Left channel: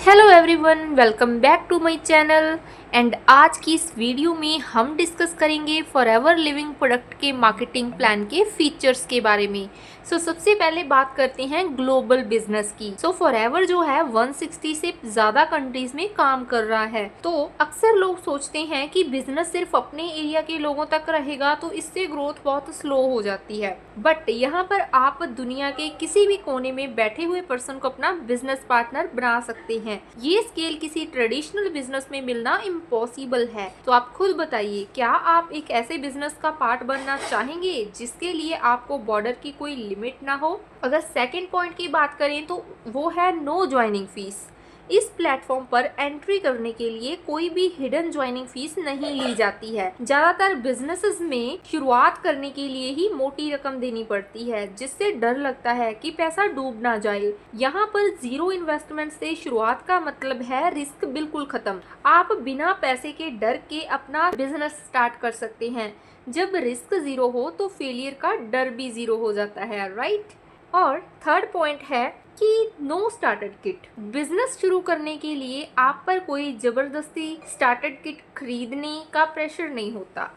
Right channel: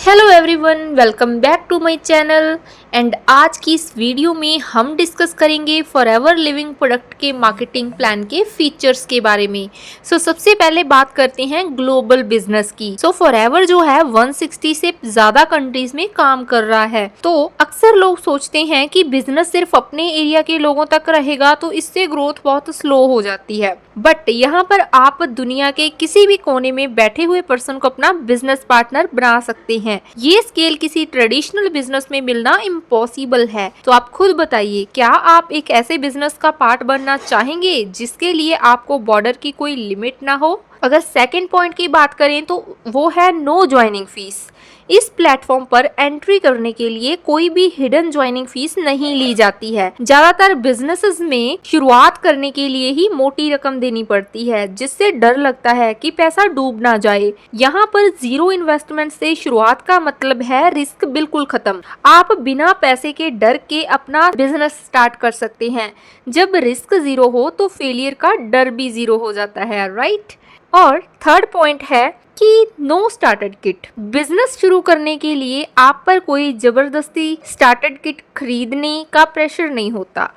Hello everyone, welcome back to my channel. And आज की इस वीडियो में हम डिस्कस करेंगे फॉरएवर लिविंग प्रोडक्ट के मार्केटिंग प्लान के फीचर्स के बारे में। सबसे पहले बात करते हैं ग्लोबल बिजनेस की। फॉरएवर जो है 160 से ज़्यादा कंट्रीज में काम कर रहा है। तो अक्सर लोग सोचते हैं कि बिजनेस सिर्फ अपने एरिया के लोगों तक रहेगा तो इससे ग्रोथ बहुत स्लो हो जाती है। बट यहाँ पर आप दुनिया के किसी भी कोने में बैठे हुए पर्सन को अपना बिजनेस पार्टनर बना सकते हैं। ये स्केल किसी ट्रेडिशनल बिजनेस में मिलना इम्पॉसिबल है। तो आप खुद बताइए, क्या आप एक ऐसे बिजनेस का पार्ट बनना चाहेंगे जिसके लिए आपको बॉर्डर की कोई लिमिट ना हो? अगर सेकेंड पॉइंट की बात करें तो वो है नो ज्वाइनिंग फीस। इस प्लेटफॉर्म पर एंट्री करने के लिए कोई भी हिडन ज्वाइनिंग फीस नहीं ली जाती है। ज्यादातर बिजनेसेस में शुरुआत करने के लिए ही मोटी रकम देनी पड़ती है, जिससे डर लगता है कि पैसा डूब ना जाए। यहाँ पर जीरो इन्वेस्टमेंट से शुरुआत का मतलब है रिस्क बिल्कुल खत्म। आप बिना पैसे के डर के अपना बिजनेस स्टार्ट कर सकते हैं। जब रिस्क जीरो हो तो फेलियर का डर भी जीरो हो जाता है, राइट? और थर्ड पॉइंट है कि नो स्टार्टर किट। बिजनेस शुरू करने के लिए आप पर कोई जबरदस्ती स्टार्टर किट खरीदने का प्रेशर नहीं होता।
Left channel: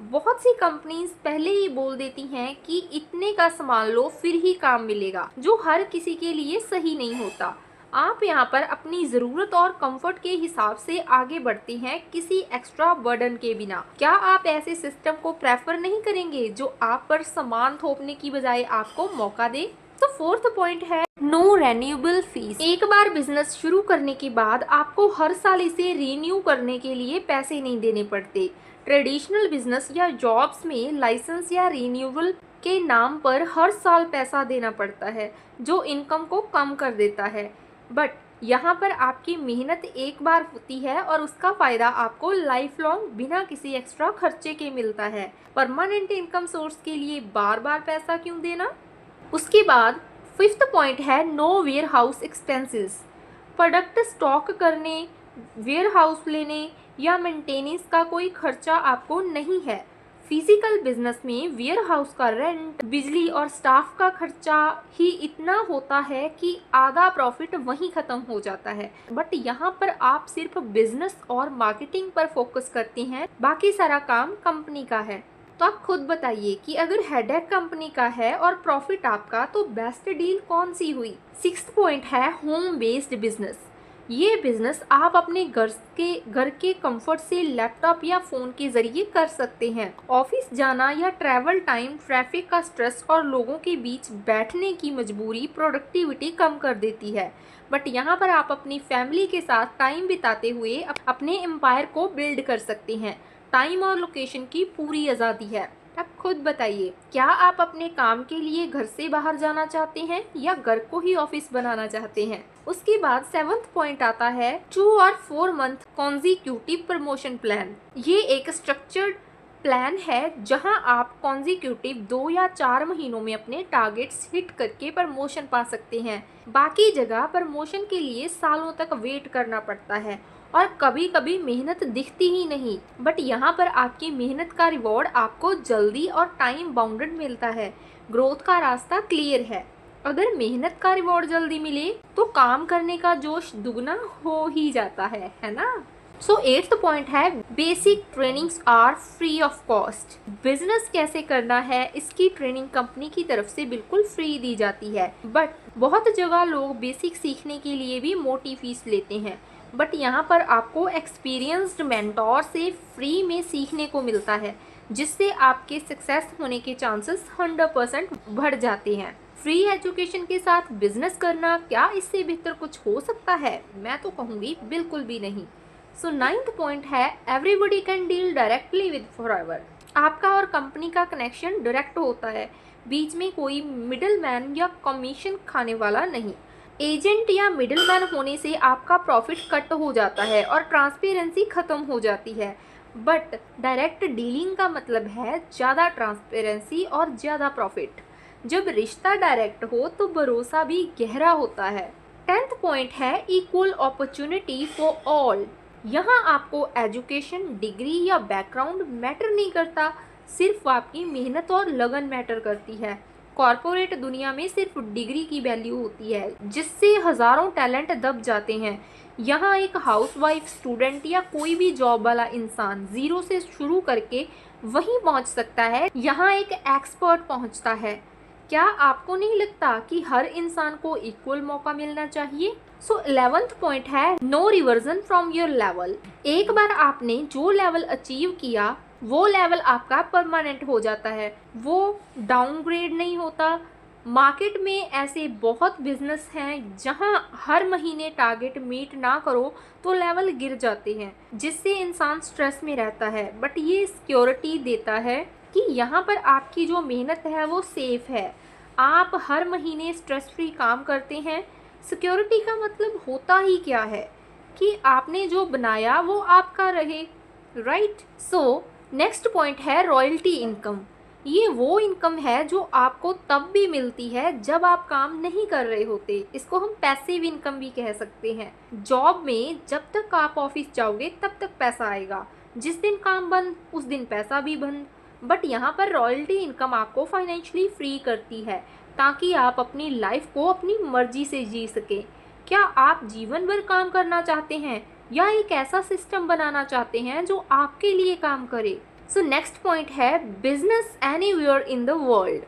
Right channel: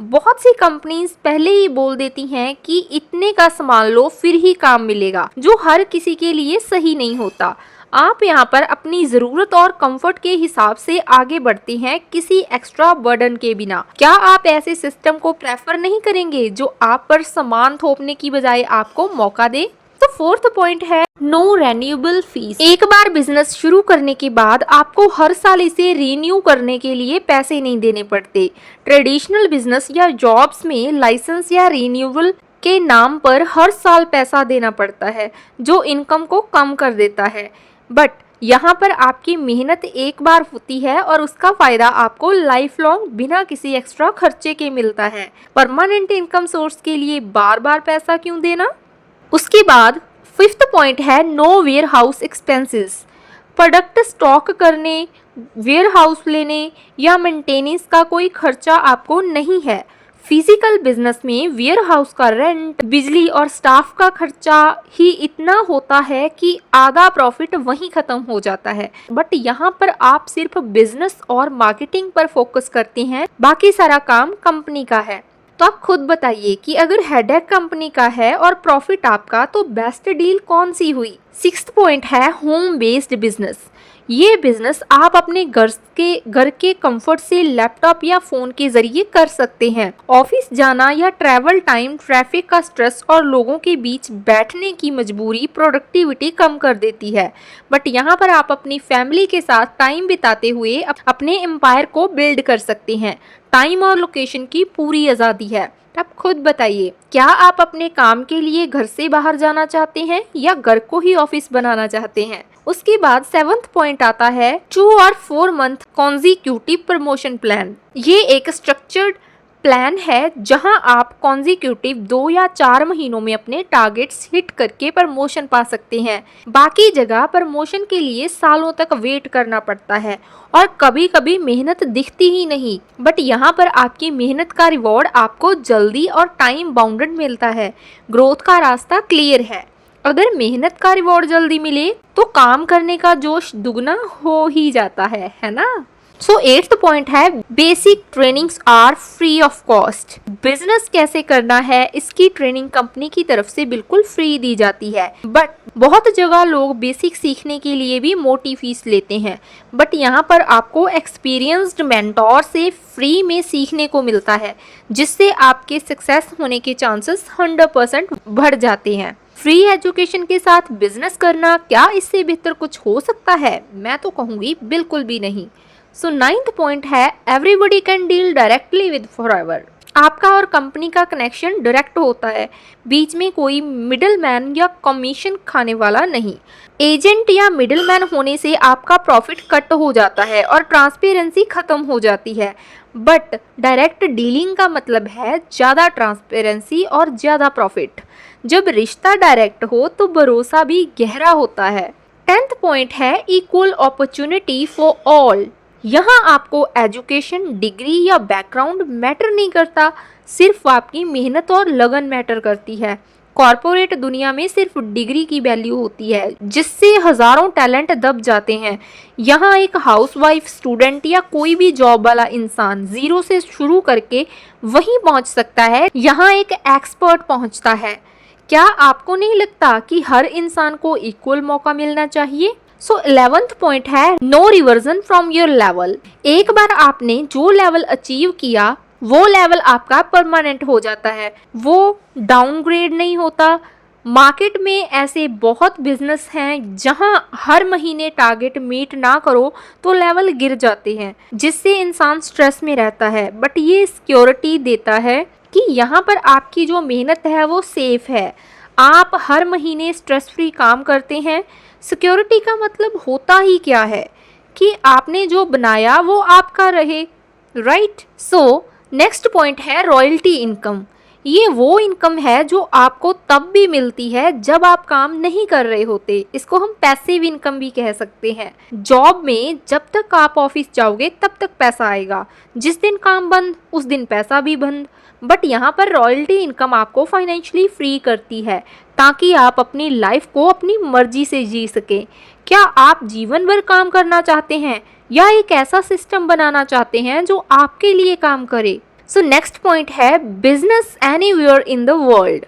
बहुत सी कंपनीज पहले ही बोल देती हैं कि इतने का सामान लो फिर ही काम मिलेगा, जो हर किसी के लिए सही नहीं होता। आप यहाँ पर अपनी ज़रूरत और कंफर्ट के हिसाब से आगे बढ़ते हैं, किसी एक्स्ट्रा बर्डन के बिना। क्या आप ऐसे सिस्टम को प्रेफर नहीं करेंगे जो आप पर सामान थोपने की बजाय आपको मौका दे? तो फोर्थ पॉइंट है नो रेन्यूएबल फीस। एक बार बिजनेस शुरू करने के बाद आपको हर साल इसे रिन्यू करने के लिए पैसे नहीं देने पड़ते। ट्रेडिशनल बिजनेस या जॉब्स में लाइसेंस या रिन्यूअल के नाम पर हर साल पैसा देना पड़ता है, जो इनकम को कम कर देता है। बट यहाँ पर आपकी मेहनत एक बार होती है और उसका फायदा आपको लाइफ लॉन्ग बिना किसी एक्स्ट्रा खर्चे के मिलता है। परमानेंट इनकम सोर्स के लिए बार बार पैसा क्यों देना? उसके बाद फिफ्थ पॉइंट है no warehouse expenses. Product stock करने, वेयर हाउस लेने या मेंटेनेंस का कोई खर्चा आपको नहीं है। फिजिकल बिजनेस में वेयर हाउस का रेंट, बिजली और स्टाफ का खर्चा ही इतना होता है कि आधा प्रॉफिट वहीं खत्म हो जाता है। बट यहाँ पर आप सिर्फ बिजनेस और मार्केटिंग पर फोकस करते हैं, बाकी सारा काम कंपनी का है। तो आप खुद बताइए कि अगर हेडेक कंपनी का है और प्रॉफिट आपका, तो बेस्ट डील कौन सी हुई? सिक्स्थ पॉइंट है होम बेस्ड बिजनेस। ये बिजनेस आप अपने घर के कंफर्ट से लैपटॉप या फोन के जरिए कर सकते हैं। ऑफिस जाना या ट्रैवल टाइम, ट्रैफिक का स्ट्रेस और लोगों के बीच बैठने की मजबूरी प्रोडक्टिविटी कम कर देती है। बट यहाँ पर आप अपनी फैमिली के साथ टाइम बिताते हुए अपने एम्पायर को बिल्ड कर सकते हैं। टाइम और लोकेशन की पूरी आज़ादी है। आप खुद बताइए, क्या आप अपने काम के लिए घर से बाहर जाना चाहते हैं या घर को ही ऑफिस बनाना चाहते हैं? उसके बाद सेवंथ पॉइंट आता है 2 और 4 मंथ कॉन्जिक्यूटिव प्रमोशन प्लान। ये एक स्ट्रक्चर्ड प्लान है जहां आप कॉन्जिक्यूटिव 2 या 4 महीनों में अपने टारगेट्स हिट करके प्रमोशन पा सकते हैं। बाकी जगह प्रमोशन के लिए सालों तक वेट करना पड़ता है और कभी कभी मेहनत दिखती ही नहीं। बट यहाँ पर आपकी मेहनत का रिवॉर्ड आपको जल्दी और टाइम बाउंडेड मिलता है। ग्रोथ का रास्ता क्लियर है। अगर मेहनत का रिवॉर्ड जल्दी मिले तो काम करने का जोश दुगना हो ही जाता है ना? एट्थ पॉइंट है basic trainings are free of cost. Business कैसे करना है इसकी ट्रेनिंग कंपनी की तरफ से बिल्कुल फ्री दी जाती है। बट बहुत जगह लोग बेसिक सीखने के लिए भी मोटी फीस लेते हैं। बट यहाँ पर आपको एक्सपीरियंस्ड मेंटोर से फ्री में सीखने को मिलता है, जिससे आपके सक्सेस होने के चांसेस 100% बढ़ जाते हैं। फ्री एजुकेशन के साथ बिजनेस करना, क्या इससे बेहतर कुछ हो सकता है? मैं तो कहूँगी बिल्कुल भी नहीं। नाइन्थ पॉइंट है everybody can deal directly with forever. आपका और कंपनी का कनेक्शन डायरेक्ट होता है, बीच में कोई मिडिल मैन या कमीशन खाने वाला नहीं। एजेंट या मिडिल मैन होने से आपका प्रॉफिट कट हो जाता है और ट्रांसपेरेंसी खत्म हो जाती है। बट डायरेक्ट डीलिंग का मतलब है ज़्यादा ट्रांसपेरेंसी और ज़्यादा प्रॉफिट। जब रिश्ता डायरेक्ट हो तो भरोसा भी गहरा होता है। 10th पॉइंट है इक्वल अपॉर्चुनिटी फॉर ऑल। यहाँ आपको एजुकेशन, डिग्री या बैकग्राउंड मैटर नहीं करता, सिर्फ आपकी मेहनत और लगन मैटर करती है। कॉरपोरेट दुनिया में सिर्फ डिग्री की वैल्यू होती है, जिससे हजारों टैलेंट दब जाते हैं। यहाँ एक हाउसवाइफ, स्टूडेंट या कोई भी जॉब वाला इंसान जीरो से शुरू करके वहीं पहुंच सकता है, यहाँ एक एक्सपर्ट पहुंचता है। क्या आपको नहीं लगता कि हर इंसान को इक्वल मौका मिलना चाहिए? सो 11th पॉइंट है no reversion from your level. एक बार आपने जो लेवल अचीव किया वो लेवल आपका परमानेंट हो जाता है, वो डाउनग्रेड नहीं होता। मार्केट में ऐसे बहुत बिजनेस हैं जहां हर महीने टारगेट मीट ना करो तो लेवल गिर जाते हैं, जिससे इंसान स्ट्रेस में रहता है। बट ये सिक्योरिटी देता है कि यहाँ पर आपकी जो मेहनत है वो सेफ है, आप हर महीने स्ट्रेस फ्री काम करते हैं। सिक्योरिटी का मतलब होता ही क्या है कि आपने जो बनाया वो आपका रहे, राइट? सो नेक्स्ट पॉइंट है रॉयल्टी इनकम। ये वो इनकम है जो आपको तब भी मिलती है जब आप काम नहीं कर रहे होते। इसको हम पैसिव इनकम भी कह सकते हैं। जॉब में जब तक आप ऑफिस जाओगे तब तक पैसा आएगा, जिस दिन काम बंद उस दिन पैसा भी बंद। बट यहाँ पर रॉयल्टी इनकम आपको फाइनेंशियली फ्री करती है, ताकि आप अपनी लाइफ को अपनी मर्जी से जी सकें। क्या आप जीवन भर काम करना चाहते हैं या एक ऐसा सिस्टम बनाना चाहते हैं जो आपके लिए काम करे? सो नेक्स्ट पॉइंट है business anywhere in the world.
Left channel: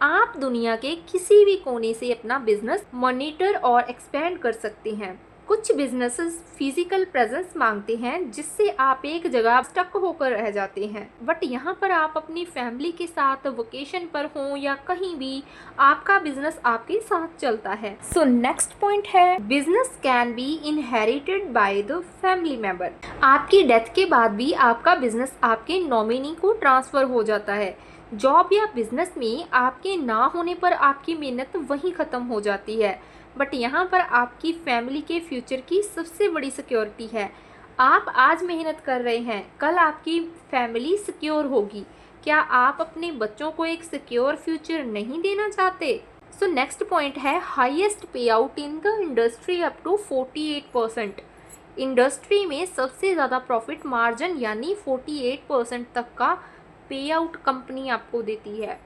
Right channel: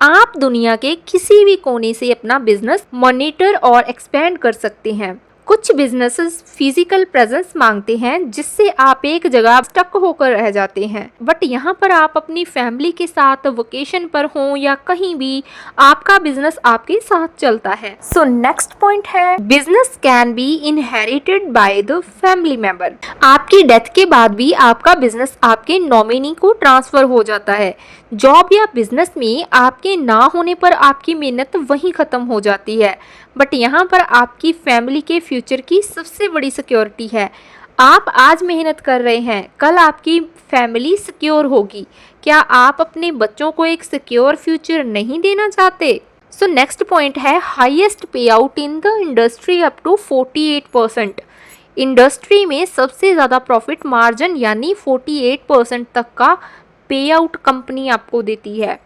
आप दुनिया के किसी भी कोने से अपना बिजनेस मॉनिटर और एक्सपेंड कर सकते हैं। कुछ बिजनेसेस फिजिकल प्रेजेंस मांगते हैं, जिससे आप एक जगह स्टक होकर रह जाते हैं। बट यहाँ पर आप अपनी फैमिली के साथ वेकेशन पर हो या कहीं भी, आपका बिजनेस आपके साथ चलता है। सो नेक्स्ट पॉइंट है business can be inherited by the family member. आपकी डेथ के बाद भी आपका बिजनेस आपके नॉमिनी को ट्रांसफर हो जाता है। जॉब या बिजनेस में आपके ना होने पर आपकी मेहनत वहीं खत्म हो जाती है, बट यहाँ पर आपकी फैमिली के फ्यूचर की सबसे बड़ी सिक्योरिटी है। आप आज मेहनत कर रहे हैं, कल आपकी फैमिली सिक्योर होगी। क्या आप अपने बच्चों को एक सिक्योर फ्यूचर नहीं देना चाहते? सो नेक्स्ट पॉइंट है highest payout in the industry up to 48%। Industry में सबसे ज़्यादा प्रॉफिट मार्जिन यानी 48% तक का पे आउट कंपनी आपको देती है।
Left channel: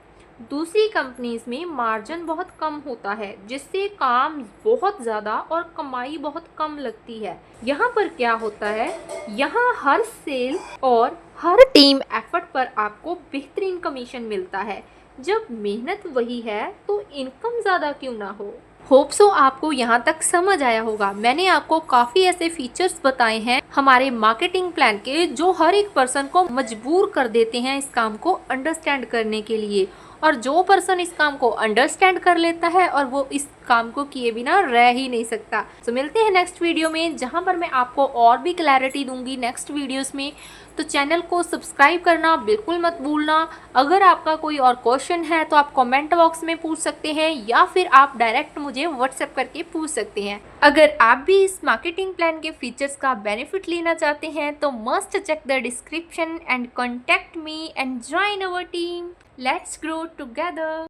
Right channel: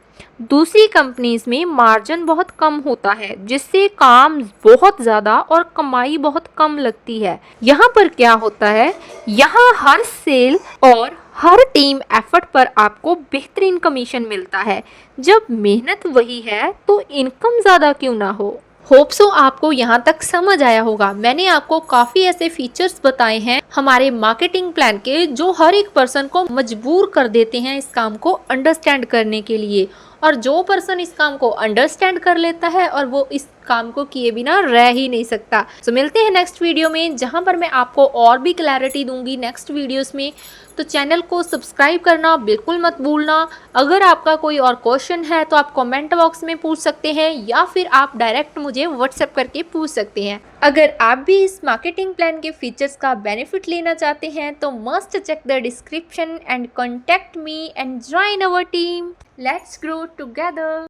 दूसरी कंपनीज में मार्जिन बहुत कम होता है, जिससे काम बहुत ज़्यादा और कमाई बहुत कम लगती है। यहाँ पर क्या होता है, यहाँ हर सेल और हर टीम एफर्ट पर आपको बेहतरीन कमीशन मिलता है। जब मेहनत वही है तो इनकम ज़्यादा क्यों ना हो। होप सो आपको यहाँ तक समझ आया होगा। मैंने आपको काफ़ी ऐसे फीचर्स बताए हैं हमारे मार्केटिंग प्लान के, जो हर एक पर्सन को मजबूर कर देते हैं इस काम को अंडरस्टैंड करने के लिए। और जो पर्सन इस काम को अंडरस्टैंड कर लेता है और वो इस काम को किए बिना रह ही नहीं सकता। तो मिलते हैं नेक्स्ट वीडियो में, जहाँ पर मैं आपको और भी क्लैरिटी दूंगी नेक्स्ट वीडियोस में। तो चैनल को सब्सक्राइब करना बिल्कुल मत भूलना। अगर आपका कोई और क्वेश्चन है तो आप कमेंट बॉक्स में पूछ सकते हैं, या फिर आप डायरेक्ट मुझे व्हाट्सएप करके पूछ सकते हैं। अगर आप भी इस मार्केटिंग प्लान के फीचर्स का बेनिफिट लेना चाहते हैं तो must check the description and contact me and join our team. Let's grow together.